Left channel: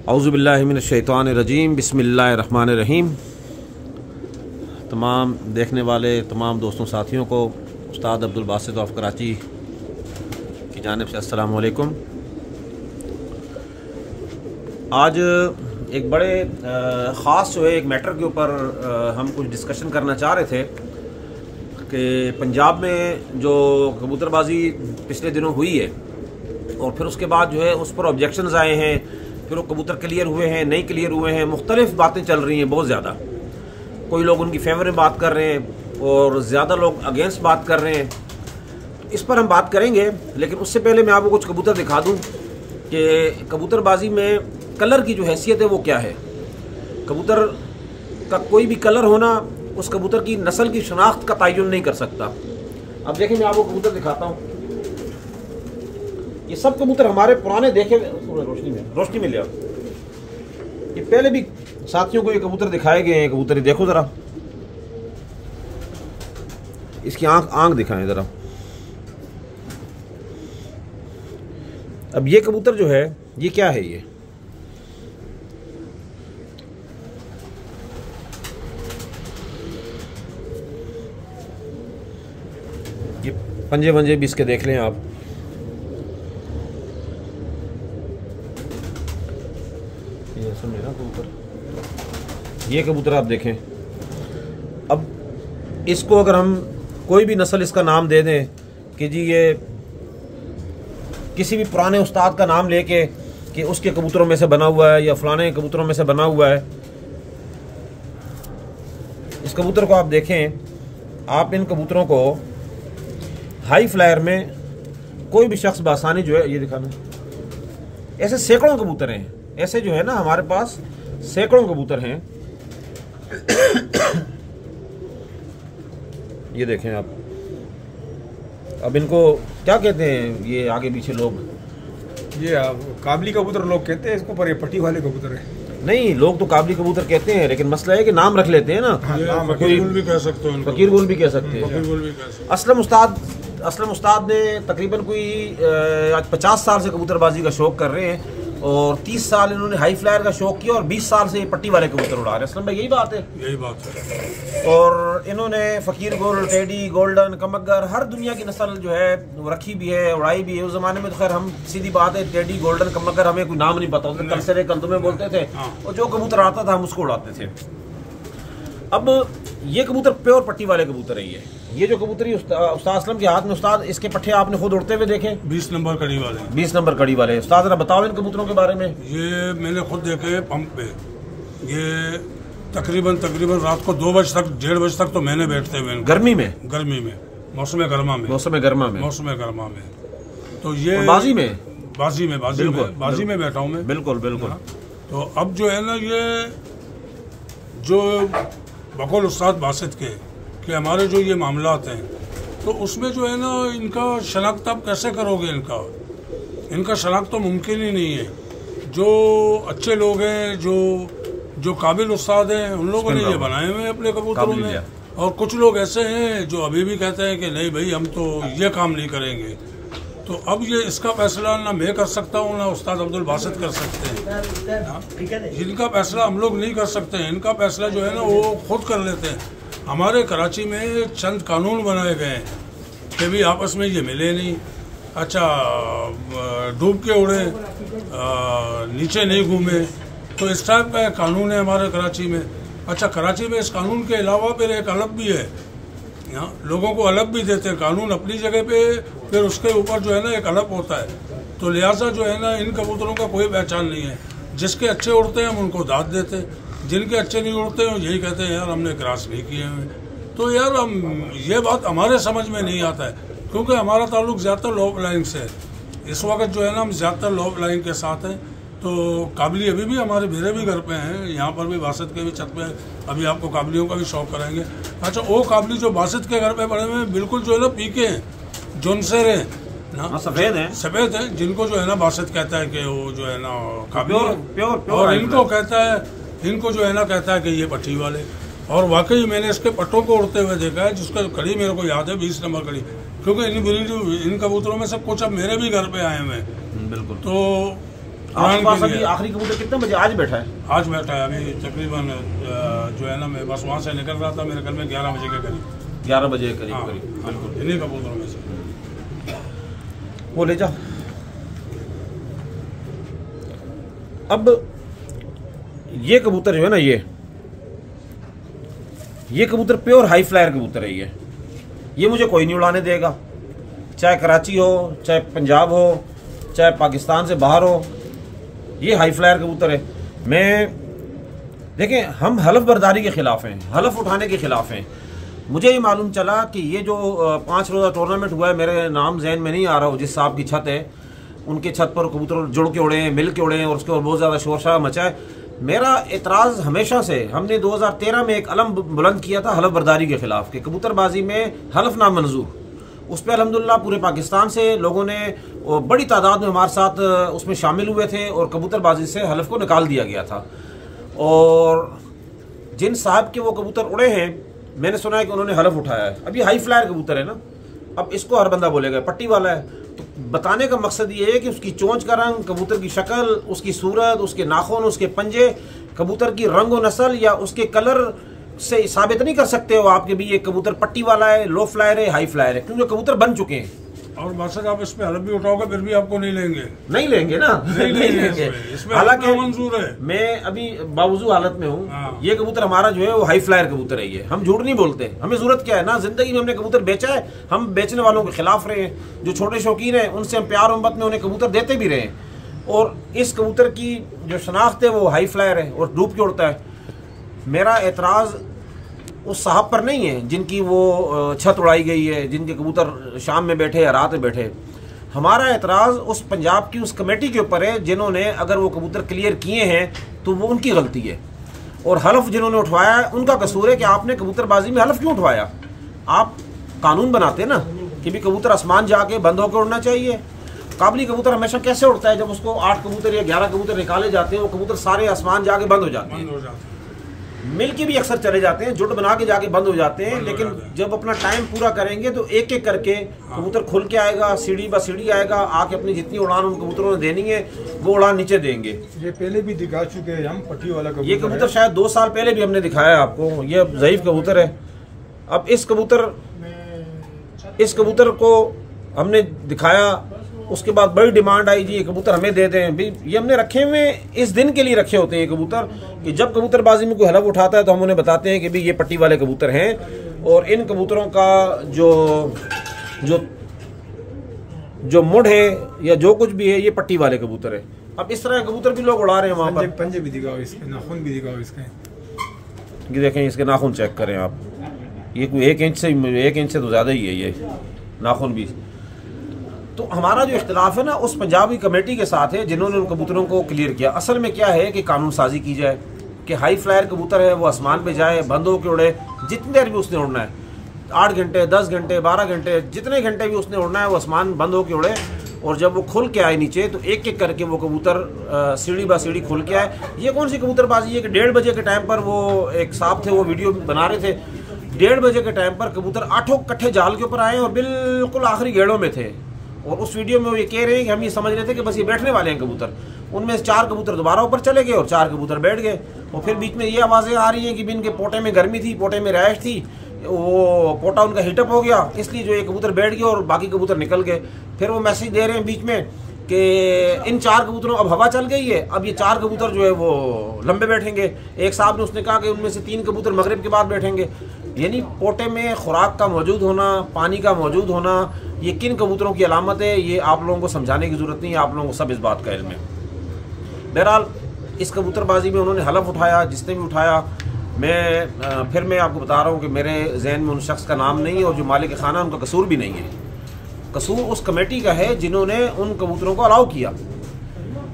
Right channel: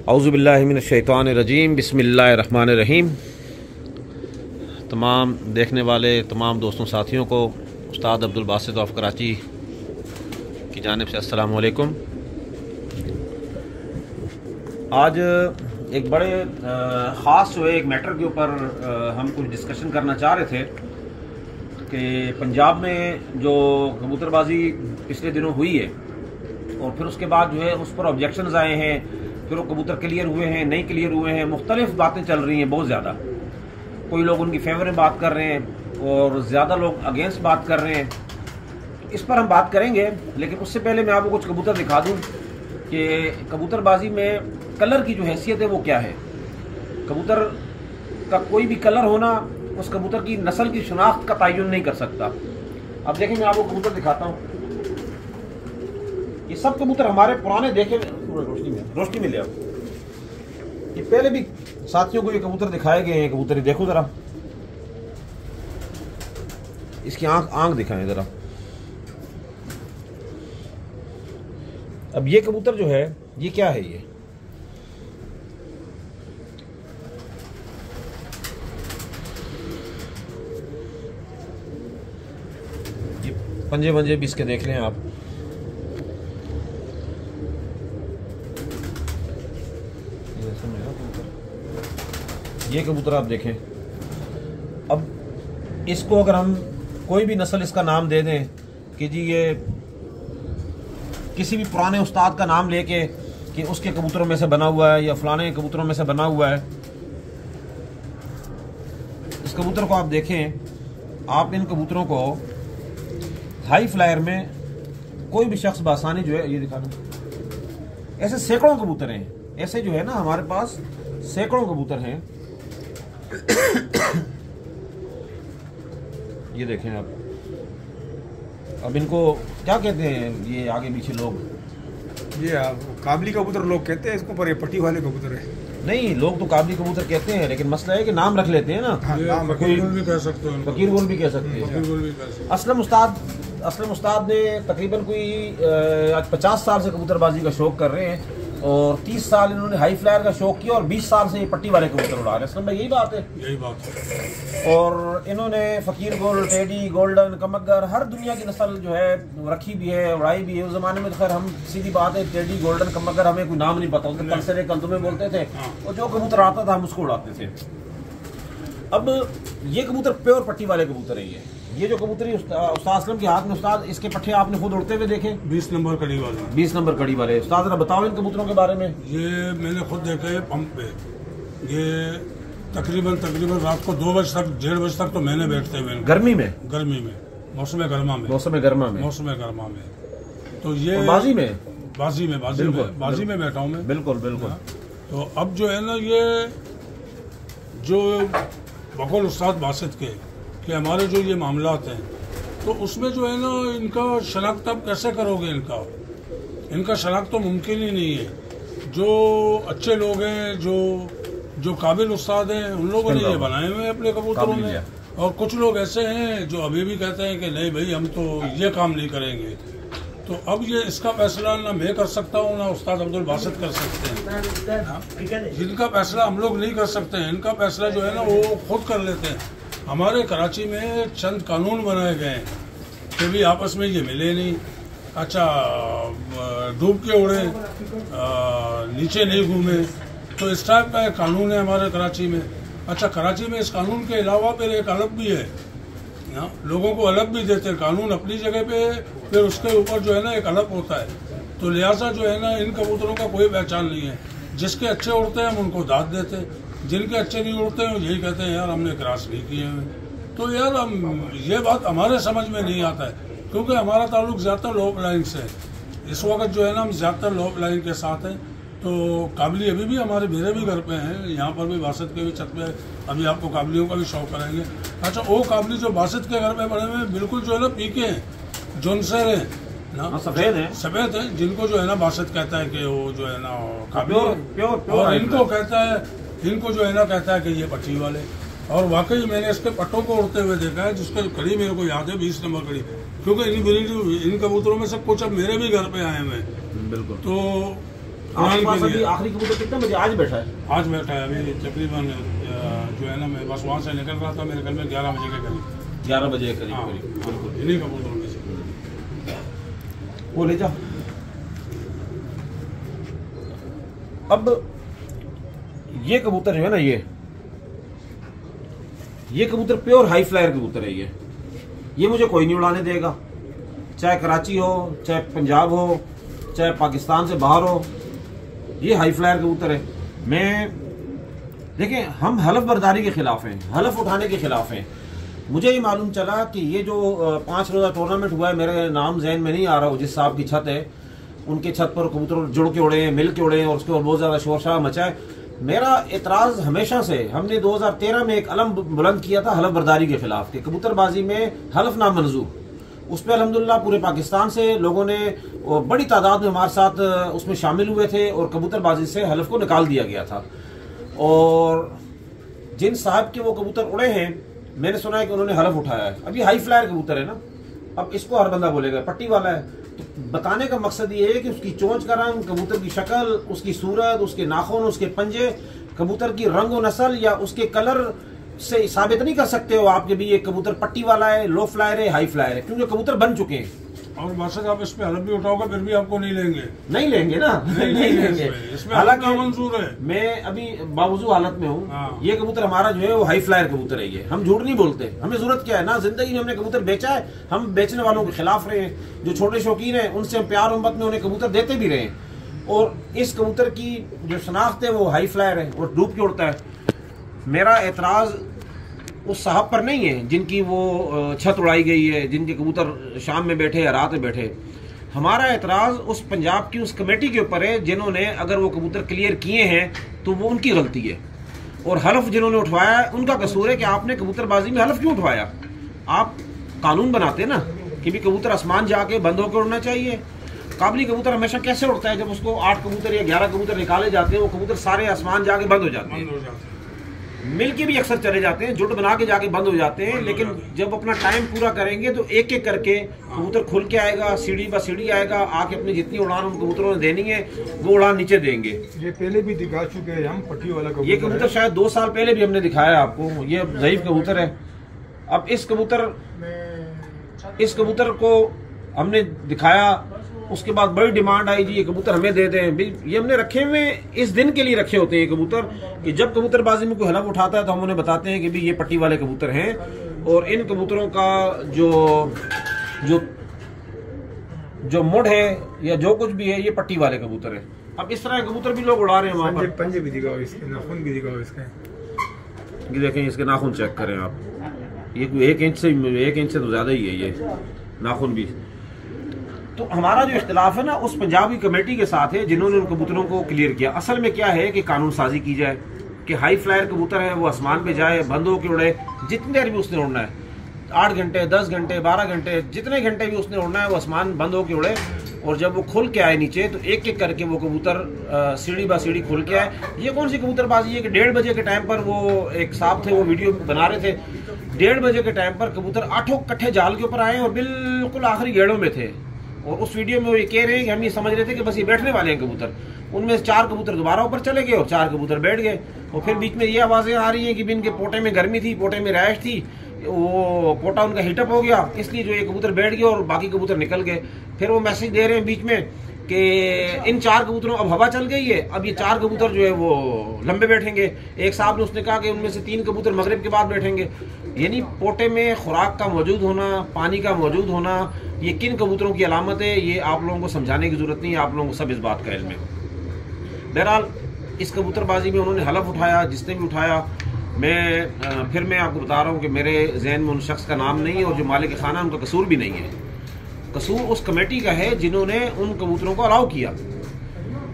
औज़ुबिल्लाहि मिनश्शैतानिर्रजीम बिस्मिल्लाहिर्रहमानिर्रहीम। तमाम देखने वाले तमाम दोस्तों साथियों को उस्ताद अब्दुल बासित ऑफ कराची की जानिब से अस्सलामु अलैकुम। आज एक बड़े ख़ास जो है एक मैटर के ऊपर हम कुछ डिस्कशन करना चाह रहे थे कि पंजाब में जो कबूतरबाजी पिछले दिनों हुई है और फिर उसके बाद जो है उस पर ऑब्जेक्शंस आए हैं, फिर वो कबूतर क्लियर हुए हैं, नहीं क्लियर हुए हैं, मुख्तलिफ बातें चल रही हैं बहुत ज़्यादा। कोई लोग उनकी फेवर में बात कर रहे हैं और ज़्यादा लोग अगेंस्ट बात कर रहे हैं। तो इस पर हम बात करेंगे, लेकिन उससे पहले मैं आपको कुछ कबूतर दिखा दूँ कि कबूतरबाजी में कलर की जो हैसियत है वो क्या है। कबूतर का कोई भी कलर होना उस कबूतर की नस्ल की शनाख्त का तयन नहीं कर सकता। अब देखिए मैं आपको कबूतर दिखाता हूँ। ये सब कबूतर हमारे पुराने देखे रोशनी में ले आओ। ये पहले भी साथियों को ये कबूतर दिखाए गए हैं। कबूतर देखो जरा, इसकी आंख दिखाएं जरा। अब ये कबूतर जो है ये क्या है, ये पंजे वंजे भी इसके देख लें आप। ये कबूतर आप देखें। अब इसको अगर हम कोई भी नस्ल इसका नाम दे दें कि जी ये किसी भी पुराने उस्ताद का नाम लेके कि उसके कबूतरों में से बना हुआ है या फलाने कबूतरों में से बना हुआ है। इस कबूतर को आप देखें, आप इन कबूतरों को हाई फ्लायर में कोई भी शख्स बासानी जो है, ये दिखाना, ऐसे सैकड़ों कबूतर हैं। ऐसे जो है ना हमारे पास सैकड़ों कबूतर हैं। ये देखें आप। अब इनको क्या कहते हैं ये आगे पीछे लोग? ये काबली कबूतर लोग कहते हैं इसको, पर ये पट्टी वाले कबूतर है। नहीं, लोग तो काबली कबूतर कहते हैं, लेकिन मसला है कि नाम रख लेते हैं ना। फकीर गुल भी कह सकते हो, फकीर गुल भी कह सकते हैं। असलम उस्ताद ने तकरीबन कोई आज 50 साल से कबूतरबाजी का शौक कर रहे हैं और 30 साल इन्होंने हाई फ्लायर का शौक किया और 20 साल से ये पट्टी वाले कबूतर उड़ा रहे हैं। असलम भाई यही बात है? यही बात है। और इन्होंने फकीर गुल, टेडी, गोल्डन, कमगर, हर दुनिया की नस्ल जो है रखी भी है, उड़ाई भी है। उस जमाने में तो खैर हम सीधी बात है, टेडी, गोल्डन, कमगर हमें कोई नाम नहीं पता होता, कलसरे कल्तुमे बोलते थे और जो कबूतर आता था हम उसको उड़ाते थे। अब ये कबूतर प्योर पट्टी वाले कबूतर है। ये जो कबूतरी उस्ताद असलम के हाथ में, उस्ताद इसके पट्टे आपने खुद उड़ते हुए देखे? 20 नंबर कड़ी वाले। 20 नंबर कड़ी वाले। उस्ताद जरा बताओ इन कबूतरों के बारे में। ये मैंने खुद देखे पंप पे। ये तकरीबन रात को 2 बजे तक, 1:30 बजे तक तो मैंने बैठते हुए। गर्मी में मौसम गर्मा में तो ये बाजी में बैठा हूँ मैं। बिल्कुल। तो अब जो है ना, ये जो बकौल उस्ताद बासित के कि हमारे जो ये मामलात हैं, तो उसमें जो है ना इनका शनाख्त आप कैसे करोगे? इनका शनाख्त तो मुमकिन ही नहीं है। जो अच्छे लोग हैं, जो काबिल उस्ताद हैं, उन लोगों ने ये बनाए हुए अपने कबूतरों में। और कुछ लोग ऐसे हैं जो अभी भी कहते हैं कि नहीं भाई हम तो ये काम नहीं करेंगे। तो अब ये इसका फैसला ना मैं कर सकता हूँ ना उस्ताद अब्दुल बासित कर सकते हैं। जिनका फैसला हम लोग नहीं कर सकते हैं, इनका फैसला जो है ना वो खुद कर लेते हैं। हमारे कराची में चंद कानून बनाए गए हैं कि भी आपस में ये मिले नहीं। अच्छा, डूब के उड़े, नीचे नहीं घूमे, तो इस टाइप का एक कानून है हमारे कराची में। अच्छा, कराची में इस कानून के अलावा फिर एक अलग भी है। यहाँ लोगों को अलग भी देते हैं कानून अपनी जगह पे, फिर उसके ऊपर जो है ना एक अलग होता है। तो लिहाजा जो है ना इन कबूतरों का कोई पहचान नहीं है। जिसके अच्छे उड़ते हैं हम उनको दाद देते हैं, जिनके अच्छे नहीं उड़ते हैं यही कहते हैं यार हमने क्रॉस नहीं किए हैं। तो यार हम ये बात हमारे समझ में नहीं आता है, क्योंकि हमारा ताल्लुक ज़्यादातर लो फ्लाइंग से है। इस वक्त जो है ना हम ज़्यादातर लो फ्लाइंग के साथ हैं। तो काबली अभी भी हमारे मेरे भी घर पे हैं, यहाँ पर भी बासित के भी छत पे। अभी आपको काबलियों का भी शौक करेंगे। अच्छा, वो काबली जो बासित के घर पे बड़े हुए हैं बिल्कुल जो है ना पीके हैं, जोनसेर हैं ना, सफेद है, जिनको जो है ना बासित कहता है कि वो जो है ना काबली, और इनको जो है ना कहता है कि ये पट्टी वाले। और वाकई मैंने इसके पट्टों को उड़ते हुए देखा है, जिसका कड़ी मेरे को याद है 20 नंबर कड़ी, क्योंकि इन कबूतरों में से कुछ अब मेरे भी घर पे आए हुए हैं। बिल्कुल। तो आपके पास अभी आखिरी कबूतर कितने बजे आज बैठा है? आज बैठा है अभी तकरीबन जो है ना, मैं बस वहाँ से निकल रहा था, मेरे घर में 11 बजे के करीब। 11 बजे करीब हाँ, करीब। बिल्कुल इन्हीं कबूतरों में से वो ले जा। अब ये कबूतर जो है ना, ये कबूतर प्योर हाई फ्लायर कबूतर है। ये मुझे कोई नहीं उड़ाने देगा, चाहे कराची हो, चाहे पंजाब हो, चाहे पाकिस्तान से बाहर हो। ये हाई फ्लायर कबूतर है। देखें, हम हलफ बर्दारी के खिलाफ हैं, हलफ उठाने के खिलाफ हैं। मुझे ये मालूम चला कि ये जो 5 रोज़ा टूर्नामेंट हुआ है, मेरे नाम जहन में नहीं आ रहा हो, जिस साहब की छत है उनके छत पर कबूतर जुड़ के उड़े हैं, मिल के उड़े हैं और उसके बाद बहुत ज़्यादा शोर शराबा मचा है। मेरा एतराज़ हमेशा से, हमने 2013 में एक अलम बुलंद किया था हलफ बर्दारी के खिलाफ कि कबूतरबाजी में हलफ ना मंजूर। उस पर अल्हम्दुलिल्लाह पूरे पाकिस्तान से लोगों ने और बड़ी तादाद में हमारे साथ उसमें शामिल हुए थे और कबूतरबाजी से हलफ को निकाल दिया गया था। और जिन साहब के वो कबूतर उड़े हैं, मैंने सुना है कि उन्होंने हलफ उठाया है। अब ये हाई फ्लायर कबूतर है ना, अब इसको हर बंदा बोलेगा पट्टी वाला है। तो बताने का मकसद ये है कि उसकी चोंच का रंग, कबूतर की शक्ल, उसकी सूरत, उसके नाखून, उसके पंजे, कबूतर की रंग और नस्ल या उसके कलर से साबित नहीं कर सकते हो आप कि भी ये कबूतर पट्टी वाला है, लो फ्लायर है, हाई फ्लायर है, क्योंकि कबूतर बन चुके हैं। और माशा आप इस पे हलफ भी उठाओगे फिर भी आपको नहीं लेंगे, नहीं लेंगे ना, नहीं लेंगे। हालांकि मंजूर है। मैं अभी बावजूद हालत में हूँ। हाँ। ये कबूतर हमारा जो है वो हाई फ्लायर कबूतर है। ये हम झूठ नहीं बोलते, हमें जरूरत क्या है ना, जिंदगी में हमने कबूतर बेचा है, हम बेचने वालों के खिलाफ रहे हैं। जो छोटे शौकीन हैं उनसे हम प्यार मोहब्बत में उन्हें कबूतर देते भी रहे। और इस कबूतर की जो शनाख्त है वो हाई फ्लायर है और डूब के उड़ता है। मेरा एतराज़ उस साहब पर नहीं है जिनकी वो छत उड़ाई गई है, जिनके कबूतर शाम में बैठे या रात में बैठे। हमारा एतराज़ उस पंजाब की उस कमेटी के ऊपर है जिन्होंने अगर वो कबूतर क्लियर किए हैं तो वो उनकी गलती है। और हलफ जिन्होंने उठवाया है उनका कसूर है कि आपने कबूतरबाजी में हलफ क्यों उठवाया। आप कानून बनाते ना कि भी कबूतर आसमान जाके बंद होकर उड़ना चाहिए। काबली कबूतर हमेशा कैसे उड़ता है, जब उसको 8 कबूतर या 11 कबूतर निकाले जाते हैं, वो कबूतर सारे आसमान जाके बंद हो जाते हैं। मिल के भी अक्सर चले जाते हैं, जुट बना के जाके बंद हो जाते हैं, लेकिन जब अपना टाइम पूरा करेंगे तो एक एक करके कबूतर खुल के आएगा, सीढ़ी ब सीढ़ी आएगा, आके अपनी जितनी उड़ान उन कबूतरों ने देनी है वो उड़ान नीचे देंगे। ये पहले भी दिखा चुके हैं हम, पट्टी वाला कबूतर। ये कबूतर शायद 2 साल पहले भी हमने दिखाया आपको। ये ज़ईफ कबूतर है। अब इस कबूतर को हमने दिखाया, उसके बाद बड़ी डिमांड आई जी ये कबूतर हमें दे दें। भी ये हमने रखे हुए इस दिन के लिए रखे होते हैं ये कबूतर कि जब कबूतरबाजी में कोई हलफ उठाता है तो हम उन्हें बताते हैं कि भी ये पट्टी वाले कबूतर हैं और इन कबूतरों का जो मुड़ है या जो कुछ भी है ये पट्टी वाले कबूतर है। अब इस तरह कबूतर भी लोग उड़ा रहे हैं वहाँ पर। पंजे भी दिखाओ इसके, नाखून भी दिखाओ इसके। ये देखें, इसके नाखून चेक करें आप। ये 1 इंच से तो ज़्यादा ही है ये नाखून भी। तो हमारा जो इख्तिलाफ है ना उस पंजाबी कमेटी के साथ है जिन्होंने उन कबूतरों को क्लियर किया। असल में क्या है कि कानून साजी की जाए कि हाई फ्लायर कबूतर है वो आसमान पे जाए, बंद होकर उड़े, जितनी देर भी उसने उड़ना है, 8 घंटे, 10 घंटे, 12 घंटे, जितने घंटे भी उसने उड़ना है वो आसमान बंद होकर उड़े। और जब वो खुल के आए नीचे तो एक एक करके वो कबूतर सीढ़ी बा सीढ़ी खुल के आए। ये कौन सी कबूतरबाजी है कि 1:30 बजे के टाइम पर वो एक साहब थे वो वीडियो बना रहे थे, 1:30 बजे के टाइम पर कबूतर 8 कट्ठे जाल के ऊपर आए और बिल्कुल आखिरी गेड़ों में थे। और उस वीडियो में वो ये कह रहे हैं कि हम ये समझ रहे थे कि बस ये बैठने वाले हैं कबूतर। उनमें से 4 कबूतर दोबारा ऊपर चले गए और 4 कबूतर बैठ गए। और फिर बीच में ये आवाज़ें आ रही हैं कि इनके पोटे में गर्मी थी, पोटे में रैश थी, वो पोटा उनका हीटअप हो गया, इसलिए जो ये कबूतर बैठ गए और बाकी कबूतर निकल गए। फिर वो मैसेज दे रहे हैं बीच में कि इन 4 कबूतरों अब हवा चल गई है, अब ये 4 कबूतर जो है वो लंबे बैठेंगे। एक साहब ने उसने कहा कि उनमें से 3 कबूतर मगरिब के बाद बैठेंगे। यानी पोटे में खुराक का मौजूद होना, पानी का मौजूद होना, ये किन कबूतरों की अलामत है ये आप लोगों को समझाने की ज़रूरत नहीं है, आप लोगों को सब इस बात का इल्म है। बहरहाल इस कबूतरबाजी में उन्होंने हलफ उठाया, जिसने भी उठाया। फिर मैं आपको बता रहा हूँ कि मेरे जहन में उन शख्स का नाम नहीं है और जो मालिक खाना उनका कसूर भी नहीं है। कसूर उस कमेटी का है जिन्होंने उन कबूतरों को अलाउ किया।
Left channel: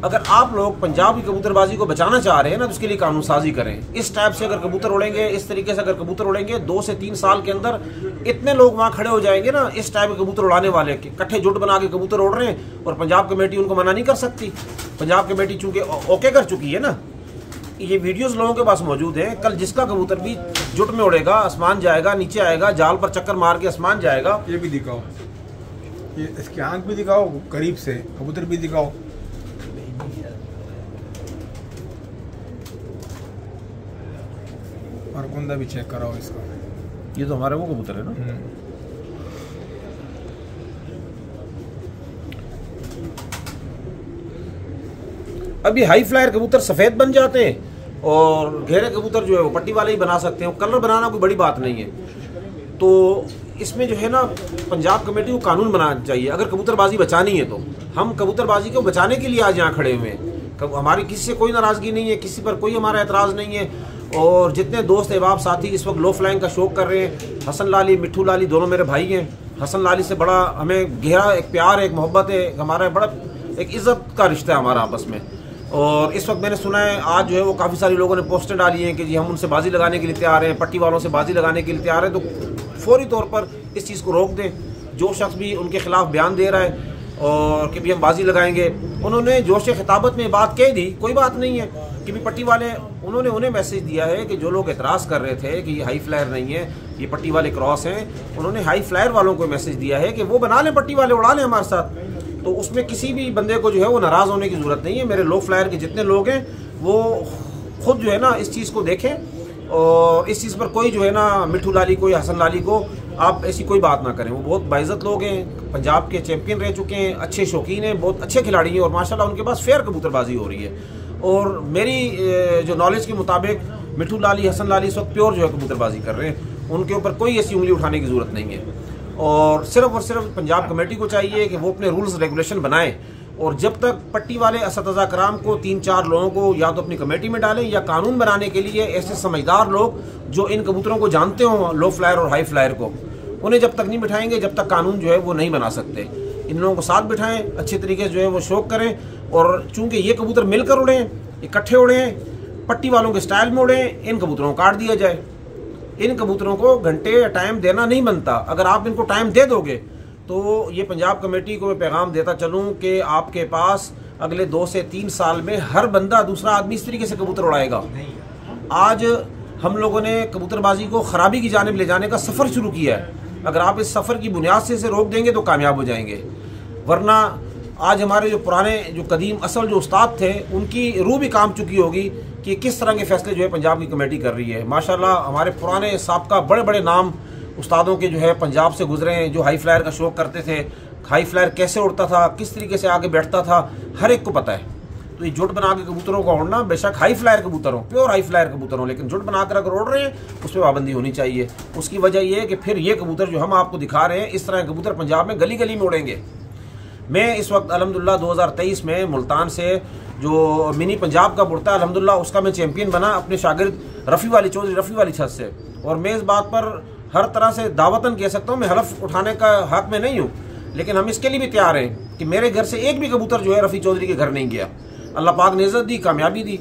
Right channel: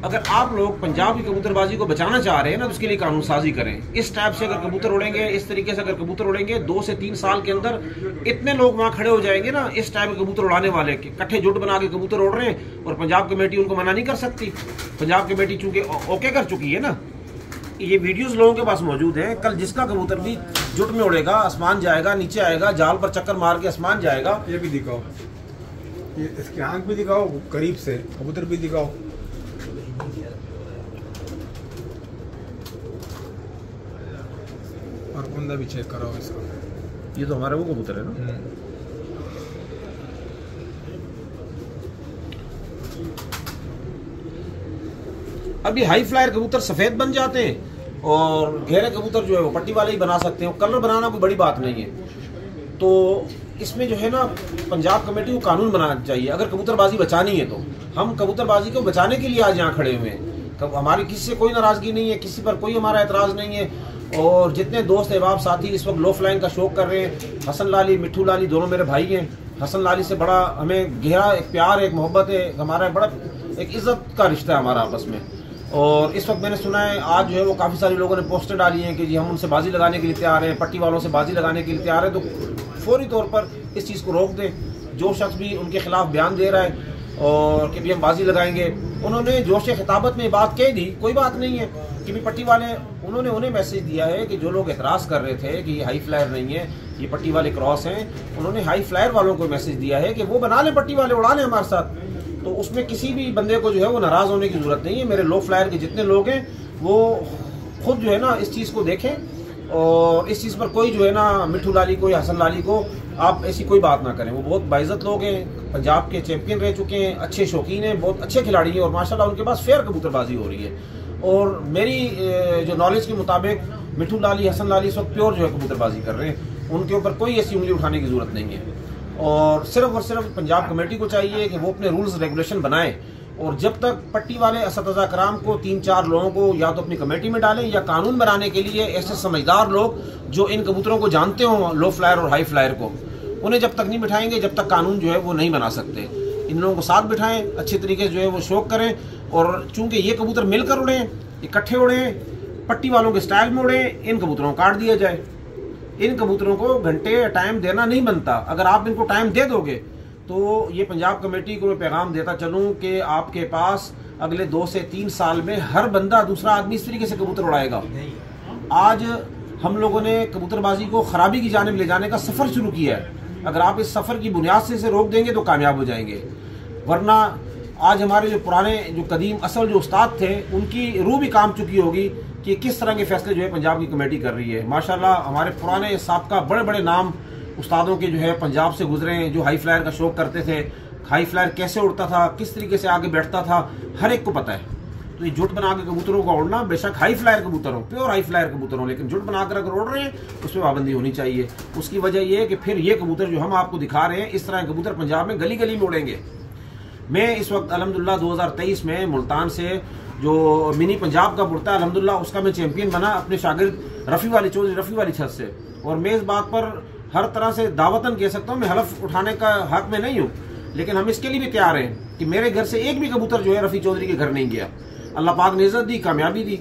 अगर आप लोग पंजाब की कबूतरबाजी को बचाना चाह रहे हैं ना तो उसके लिए कानून साजी करें। इस टाइप से अगर कबूतर उड़ेंगे, इस तरीके से अगर कबूतर उड़ेंगे, 2 से 3 साल के अंदर इतने लोग वहाँ खड़े हो जाएंगे ना इस टाइप के कबूतर उड़ाने वाले, इकट्ठे जुट बना के कबूतर उड़ रहे हैं और पंजाब कमेटी उनको मना नहीं कर सकती। पंजाब कमेटी चूंकि ओके कर चुकी है ना, ये वीडियोस लोगों के पास मौजूद है। कल जिसका कबूतर भी जुट में उड़ेगा, आसमान जाएगा, नीचे आएगा, जाल पर चक्कर मार के आसमान जाएगा। ये भी दिखाओ, ये इसकी आंख भी दिखाओ, करीब से कबूतर भी दिखाओ। और कुंदा भी चेक कराओ इसको। ये तो हमारे वो कबूतर है ना। अभी हाई फ्लायर कबूतर सफेद बन जाते हैं और घेरे कबूतर जो है वो पट्टी वाले ही बना सकते हैं। कलर बनाना कोई बड़ी बात नहीं है। तो इसमें जो है ना पंजाब कमेटी को कानून बनाना चाहिए। अगर कबूतरबाजी बचानी है तो हम कबूतरबाजी को बचाने के लिए आज यहाँ खड़े हुए हैं। हमारी किसी से कोई नाराजगी नहीं है, किसी पर कोई हमारा एतराज नहीं है। और जितने दोस्त अहबाब साथी इस वक्त लो फ्लाइंग का शौक कर रहे हैं, हसन लाली, मिट्ठू लाली दोनों मेरे भाई हैं। हसन लाली से बड़ा हमें गहरा एक प्यार, एक मोहब्बत है, हमारा बड़ा एक इज्जत का रिश्ता है हमारा आपस में। और इस वक्त मैंने सुना है आज जो है वो काफ़ी सारे लोगों ने पोस्टर डाली हैं कि जी हम उनसे बाजी लगाने के लिए तैयार हैं, पट्टी वालों से बाजी लगाने के लिए तैयार हैं। तो फौरी तौर पर इस चीज़ को रोक दें। जो शख्स भी उनके खिलाफ बयान दे रहा है और कि भी हम बाजी लगाएंगे, उन्होंने जोश खिताबत में बात कह दी, कोई बात नहीं है कि भी पट्टी वाले उन्होंने उन्हें मैसेज दिया है कि जो लोग एतराज़ कर रहे थे कि ये हाई फ्लायर नहीं है, ये पट्टी वाले क्रॉस हैं, उन्होंने हाई फ्लायर वालों को मैसेज दिया है कि वो बना लें, पट्टी वाले उड़ा लें हमारे साथ। तो उसमें किसी भी बंदे को जो है वो नाराज़ होने की ज़रूरत नहीं है। मेरे लो फ्लायर के जितने लोग हैं वो खुद जो है ना इस चीज़ को देखें और इस चीज़ पर कोई जो है ना मिट्ठू लाली को या हसन लाली को आप ऐसी कोई बात ना करें। वो बहुत बाइज़्ज़त लोग हैं, पंजाब के चैंपियन रह चुके हैं, अच्छे शौकीन हैं, बहुत अच्छे खिलाड़ी हैं और माशाल्लाह उनके पास फेयर कबूतरबाजी हो रही है। और मेरी जो नॉलेज के मुताबिक मिट्ठू लाली, हसन लाली इस वक्त प्योर जो है कबूतरबाजी कर रहे हैं। उनके ऊपर कोई ऐसी उंगली उठाने की ज़रूरत नहीं है। और सिर्फ पंजाब कमेटी को चाहिए कि वो अपने रूल्स रेगुलेशन बनाए और जब तक पट्टी वाले असतज़ा कराम को 3-4 लोगों को या तो अपनी कमेटी में डालें या कानून बनाने के लिए ऐसे समझदार लोग जो इन कबूतरों को जानते हों, लो फ्लायर और हाई फ्लायर को, उन्हें जब तक नहीं बिठाएंगे जब तक कानून जो है वो नहीं बना सकते। इन लोगों को साथ बिठाएं, अच्छे तरीके से जो है वो शौक करें। और चूंकि ये कबूतर मिलकर उड़ें, इकट्ठे उड़ें, पट्टी वालों के स्टाइल में उड़ें, इन कबूतरों को काट दिया जाए। इन कबूतरों को घंटे टाइम देना नहीं बनता। अगर आप इनको टाइम दे दोगे तो ये पंजाब कमेटी को पैगाम देता चलूं कि आपके पास अगले 2 से 3 साल में हर बंदा, दूसरा आदमी इस तरीके से कबूतर उड़ाएगा। आज हम लोगों ने कबूतरबाजी को खराबी की जानिब ले जाने का सफ़र शुरू किया है। अगर आप इस सफ़र की बुनियाद से इसे रोक देंगे तो कामयाब हो जाएंगे। वरना आज हमारे जो पुराने, जो कदीम असल जो उस्ताद थे, उनकी रूह भी काम चुकी होगी कि किस तरह के फैसले जो है पंजाब की कमेटी कर रही है। माशाल्लाह हमारे पुराने साबका बड़े बड़े नाम उस्तादों के जो है पंजाब से गुजरे हैं, जो हाई फ्लायर का शौक करते थे। हाई फ्लायर कैसे उड़ता था, किस तरीके से आगे बैठता था, हर एक को पता है। तो ये जुट बना के कबूतरों का उड़ना, बेशक हाई फ्लायर कबूतर हो, प्योर हाई फ्लायर कबूतर हो, लेकिन जुट बनाकर अगर उड़ रहे हैं उस पर पाबंदी होनी चाहिए। उसकी वजह यह है कि फिर ये कबूतर जो हम आपको दिखा रहे हैं, इस तरह कबूतर पंजाब में गली गली में उड़ेंगे। मैं इस वक्त अल्हम्दुलिल्लाह 2023 में मुल्तान से जो मिनी पंजाब का उड़ता है, अल्हम्दुलिल्लाह उसका मैं चैंपियन बना अपने शागिर्द रफ़ी वाली, चौधरी रफ़ी वाली छत से। और मैं इस बात पर हर तरह से दावतन कह सकता हूँ, मैं हलफ उठाने का हक में नहीं हूँ, लेकिन हम इसके लिए भी तैयार हैं कि मेरे घर से एक भी कबूतर जो है रफ़ी चौधरी के घर नहीं गया। अल्लाह पाक ने इज़्ज़त दी, कामयाबी दी।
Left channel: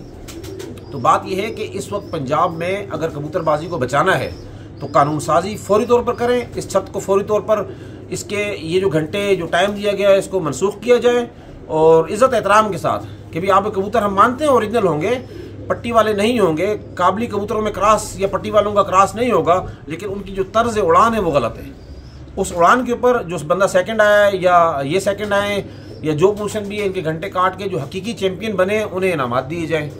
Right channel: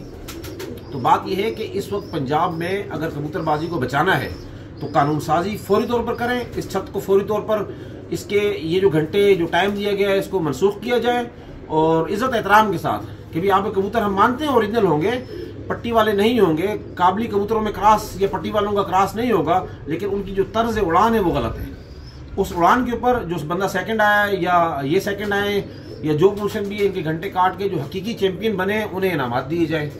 तो बात यह है कि इस वक्त पंजाब में अगर कबूतरबाजी को बचाना है तो कानून साजी फौरी तौर पर करें। इस छत को फौरी तौर पर, इसके ये जो घंटे जो टाइम दिया गया है इसको मनसूख किया जाए और इज़्ज़त एहतराम के साथ कि भी आप कबूतर हम मानते हैं ओरिजिनल होंगे, पट्टी वाले नहीं होंगे, काबली कबूतरों में क्रॉस या पट्टी वालों का क्रॉस नहीं होगा, लेकिन उनकी जो तर्ज उड़ान है वो गलत है। उस उड़ान के ऊपर जो बंदा सेकंड आया है या ये सेकंड आए या जो पोजीशन भी है, इनके घंटे काट के जो हकीकी चैंपियन बने उन्हें इनामात दिए जाए।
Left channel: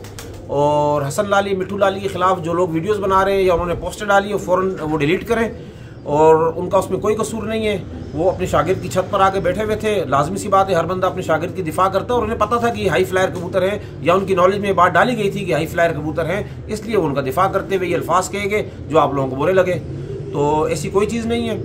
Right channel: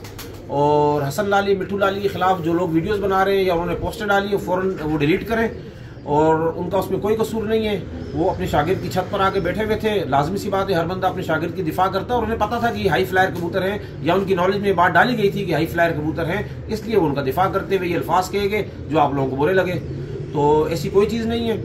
और हसन लाली, मिट्ठू लाली के खिलाफ जो लोग वीडियोस बना रहे हैं या उन्होंने पोस्टर डाली है फ़ौरन वो डिलीट करें। और उनका उसमें कोई कसूर नहीं है, वो अपने शागिर्द की छत पर आके बैठे हुए थे। लाजमी सी बात है, हर बंदा अपने शागिर्द की दिफा करता है और उन्हें पता था कि हाई फ्लायर कबूतर हैं या उनकी नॉलेज में बात डाली गई थी कि हाई फ्लायर कबूतर हैं, इसलिए वो उनका दिफा करते हुए ये अल्फाज कहे गए जो आप लोगों को बुरे लगे। तो ऐसी कोई चीज़ नहीं है,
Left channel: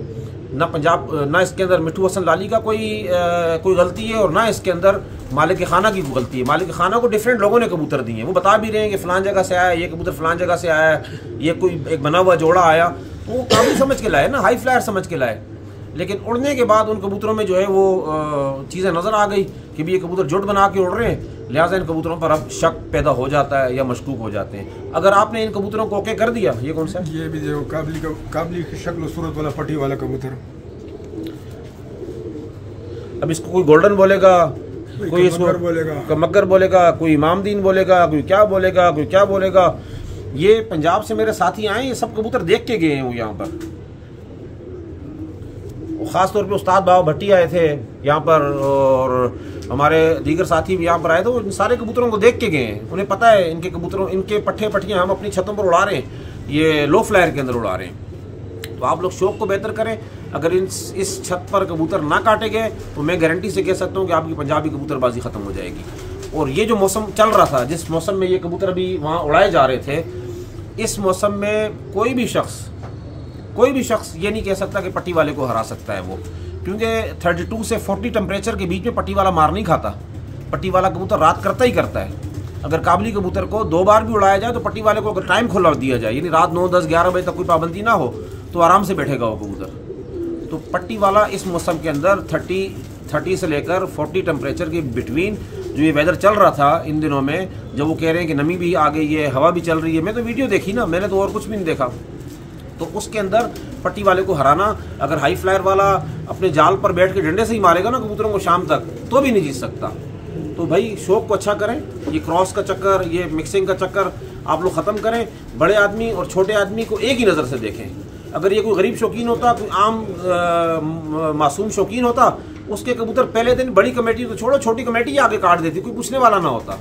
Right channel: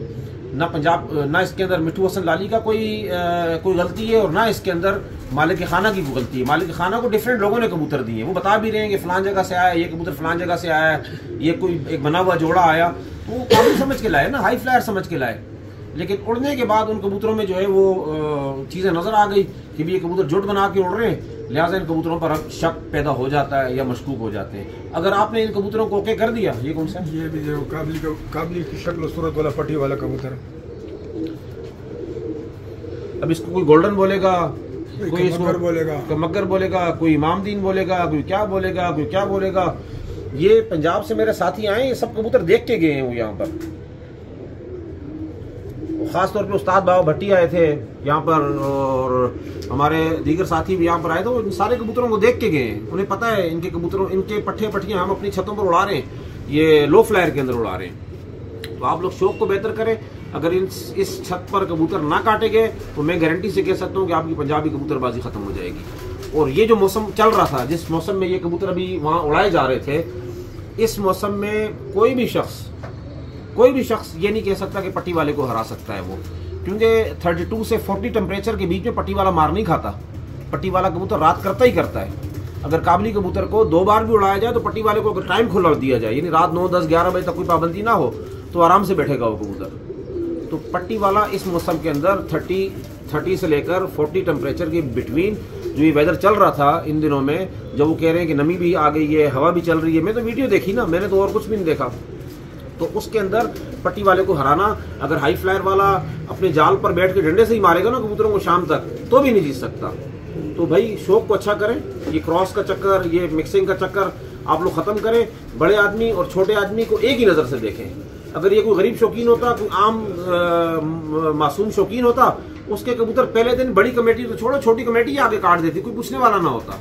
ना पंजाब, ना इसके अंदर मिट्ठू हसन लाली का कोई गलती है और ना इसके अंदर मालिक खाना की गलती है। मालिक खाना को डिफरेंट लोगों ने कबूतर दिए, वो बता भी रहे हैं कि फलान जगह से आया, ये कबूतर फलान जगह से आया, ये कोई एक बना हुआ जोड़ा आया, तो वो काबू समझ के लाए ना, हाई फ्लायर समझ के लाए। लेकिन उड़ने के बाद उन कबूतरों में जो है वो चीज़ें नज़र आ गई कि भी ये कबूतर जुट बना के उड़ रहे हैं, लिहाजा इन कबूतरों पर अब शक पैदा हो जाता है या मशकूक हो जाते हैं। अगर आपने इन कबूतरों को ओके कर दिया, ये कौन सा, ये भी जो काबली की शक्ल सूरत वाला पट्टी वाला कबूतर, अब इसको कोई गोल्डन बोलेगा, कोई मगर बोलेगा, मगर बोलेगा, कोई इमामदीन बोलेगा, कोई क्या बोलेगा, कोई क्या बोलेगा। ये पंजाब से मेरे साथी आए, ये सब कबूतर देख के गए हैं वो यहाँ पर। ख़ास तौर पे उस्ताद बाबा भट्टी आए थे यहाँ पर और हमारे दीगर साथी भी यहाँ पर आए थे। इन सारे कबूतरों को देख के गए, उन्हें पता है इनके कबूतरों, इनके पट्टे पट्टियाँ हम अपनी छतों पर उड़ा रहे हैं, ये लो फ्लायर के अंदर उड़ा रहे हैं। तो आप लोग शौक को बेहतर करें। अगर इस छत पर कबूतर ना काटे गए तो मैं गारंटी से कह सकता हूँ कि आपकी पंजाबी कबूतरबाजी ख़त्म हो जाएगी। और ये जो मौसम चल रहा था, जिस मौसम में ये कबूतर अभी वहाँ उड़ाए जा रहे थे, इस मौसम में कोई भी शख्स ये नहीं कह सकता कि पट्टी वाले को हरा सकता है वो, क्योंकि 32 से 40 टेम्परेचर के बीच में पट्टी वाला मार नहीं खाता। पट्टी वाला कबूतर रात करता ही करता है। अगर काबली कबूतर को 2 बार भी उड़ाया जाए तो पट्टी वाले को अगर टाइम खुला दिया जाए, यानी रात 9, 10, 11 बजे तक कोई पाबंदी ना हो, तो आराम से बैठेगा वो कबूतर। तो पट्टी वाला इस मौसम के अंदर 30 से लेकर 40 टेम्परेचर के बिटवीन जो ये वेदर चल रहा था इन दिनों में, जब वो कह रहे हैं कि नमी भी आ गई है, हवा भी चल रही है, मैं तो वीडियो देखी ना, मैंने तो और कुछ भी नहीं देखा। तो उसके अंदर पट्टी वाले को हराना, अगर हाई फ्लायर वाला अपने जाल पर बैठ के डंडे से ही मारेगा ना कबूतरों को शाम तक, तो भी नहीं जीत सकता। तो भाई शौक को अच्छा करें, ये क्रॉस का चक्कर, ये मिक्सिंग का चक्कर आप लोग ख़त्म करें। बड़े आदमी और छोटे आदमी को एक ही नज़र से देखें। अगर ये कोई गरीब शौकीन होता, कोई आम मासूम शौकीन होता, उसके कबूतर पहले दिन बड़ी कमेटी तो छोड़ो, छोटी कमेटी आगे काट देती, कोई पूछने वाला ना होता।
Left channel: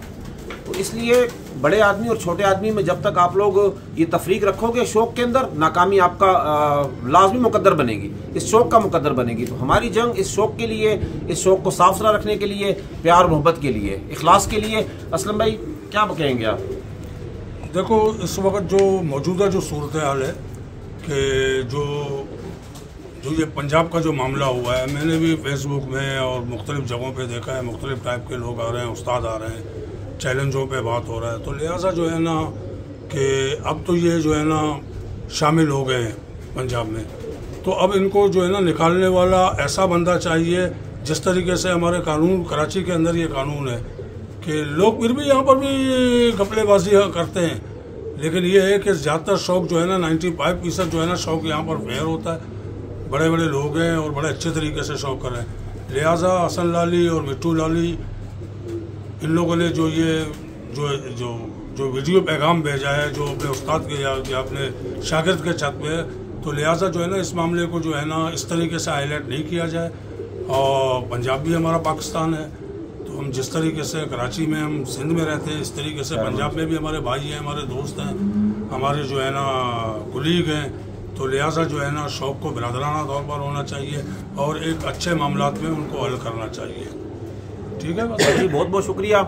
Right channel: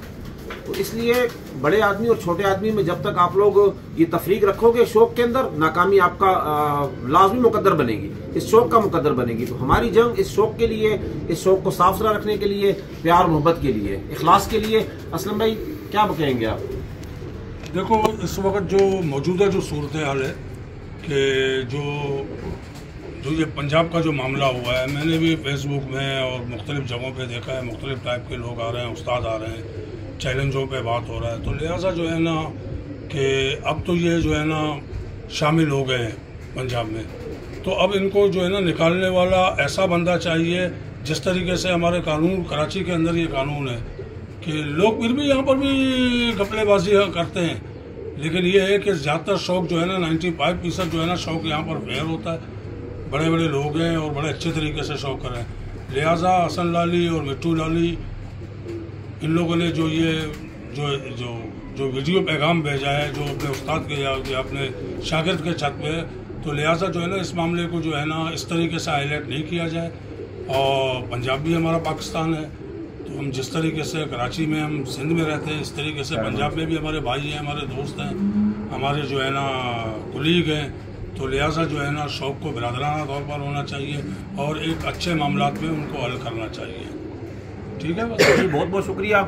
तो इसलिए बड़े आदमी और छोटे आदमी में जब तक आप लोग ये तफरीक रखोगे शौक के अंदर, नाकामी आपका लाजमी मुकद्दर बनेगी, इस शौक का मुकद्दर बनेगी। तो हमारी जंग इस शौक के लिए, इस शौक को साफ सुथरा रखने के लिए, प्यार मोहब्बत के लिए, इखलास के लिए। असलम भाई क्या कहेंगे आप? देखो, इस वक्त जो मौजूदा जो सूरत हाल है कि जो ये पंजाब का जो मामला हुआ है, मैंने भी फेसबुक में और मुख्तलिफ जगहों पे देखा है, मुख्तलिफ टाइप के लोग आ रहे हैं, उस्ताद आ रहे हैं, चैलेंजों पे बात हो रहा है। तो लिहाजा जो है ना कि अब तो ये जो है ना शामिल हो गए हैं पंजाब में, तो अब इनको जो है ना निकालने वाला ऐसा बंदा चाहिए। जिस तरीके से हमारे कानून, कराची के अंदर ये कानून है कि लोग फिर भी यहाँ पर भी घपलेबाजी करते हैं, लेकिन ये है कि ज़्यादातर शौक जो है ना 95% जो है ना शौक यहाँ पर फेयर होता है। बड़े बड़े लोग हैं और बड़े अच्छे तरीके से शौक कर रहे हैं। लिहाजा हसन लाली और मिट्टू लाली, इन लोगों ने जो ये जो वीडियो पैगाम भेजा है, जो अपने उस्ताद के या अपने शागिर्द के छत पे, तो लिहाजा जो है ना इस मामले को जो है ना इस तरीके से हाईलाइट नहीं किया जाए। और पंजाब भी हमारा पाकिस्तान है, तो हम जिस तरीके से कराची में, हम सिंध में रहते हैं, इस तरीके से पंजाब में भी हमारे भाई हैं, हमारे दोस्त हैं, हमारे जो है ना कुलीग हैं। तो लिहाजा जो है ना शौक को बिरादराना तौर पर होना चाहिए और एक अच्छे मामलात में उनको हल करना चाहिए। ठीक है, बस बहुत बहुत शुक्रिया।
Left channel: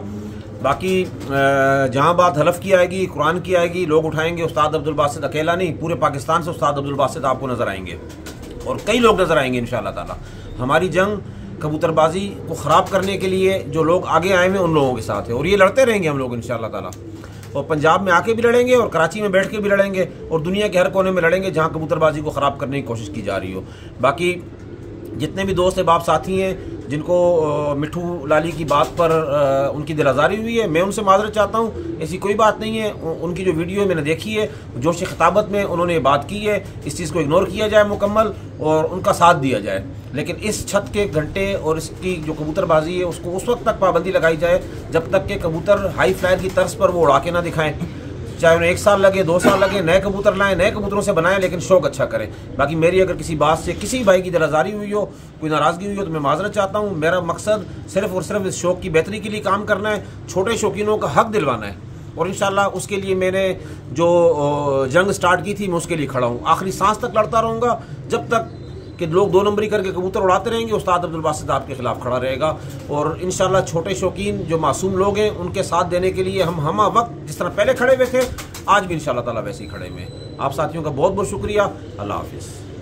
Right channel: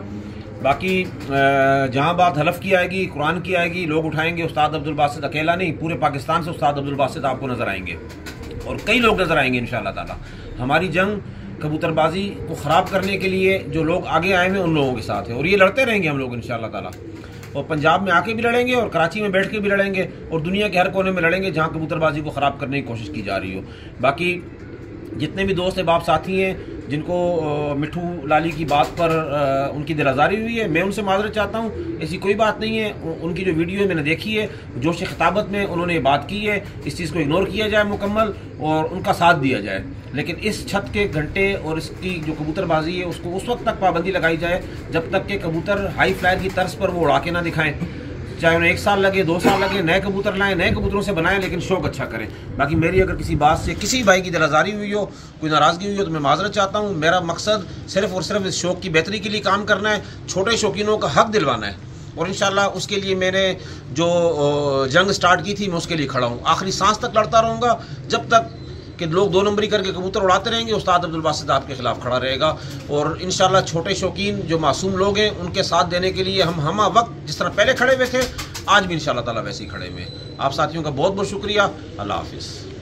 बाकी जहाँ बात हलफ की आएगी, कुरान की आएगी, लोग उठाएंगे। उस्ताद अब्दुल बासित अकेला नहीं, पूरे पाकिस्तान से उस्ताद अब्दुल बासित आपको नजर आएंगे और कई लोग नजर आएंगे इंशाअल्लाह ताला। हमारी जंग कबूतरबाजी को ख़राब करने के लिए जो लोग आगे आए हैं उन लोगों के साथ है और ये लड़ते रहेंगे हम लोग इंशाअल्लाह ताला। और पंजाब में आके भी लड़ेंगे और कराची में बैठ के भी लड़ेंगे और दुनिया के हर कोने में लड़ेंगे जहाँ कबूतरबाजी को ख़राब करने की कोशिश की जा रही हो। बाकी जितने भी दोस्त बाप साथी हैं जिनको मिट्टू लाली की बात पर उनकी दिल आज़ारी हुई है, मैं उनसे माजरत चाहता हूँ। ऐसी कोई बात नहीं है, उनकी जो वीडियो है मैंने देखी है, जोश खिताबत में उन्होंने ये बात की है, इस चीज़ को इग्नोर किया जाए मुकम्मल और उनका साथ दिया जाए। लेकिन इस छत के घंटे और इसकी जो कबूतरबाजी है उसको उस वक्त तक पाबंदी लगाई जाए जब तक कि कबूतर हाई फ्लायर की तर्ज पर वो उड़ा के ना दिखाएं। चाहे उन्हें 1 साल लगे, 2 साल लगे, नए कबूतर लाएं, नए कबूतरों से बनाएं, लेकिन शौक अच्छा करें। बाकी मेरी अगर किसी बात से किसी भाई की दिलआज़ारी हुई हो, कोई नाराज़गी हुई हो, तो मैं माजरत चाहता हूँ। मेरा मकसद सिर्फ और सिर्फ इस शौक की बेहतरी के लिए काम करना है, छोटे शौकीनों का हक दिलवाना है और इंशाअल्लाह उसके लिए मैंने जो जंग स्टार्ट की थी मैं उसके लिए खड़ा हूँ। आखिरी सांस तक लड़ता रहूँगा जब तक कि लोग 2 नंबरी करके कबूतर उड़ाते रहेंगे। उस्ताद अब्दुल बासित आपके खिलाफ खड़ा रहेगा और इंशाअल्लाह छोटे शौकीन जो मासूम लोग हैं उनके साथ देने के लिए हम वक्त जिस तरह पहले खड़े हुए थे आज भी इंशाअल्लाह ताला वैसे ही खड़े हुए हैं। आप साथियों का बहुत बहुत शुक्रिया। अल्लाह हाफिज़।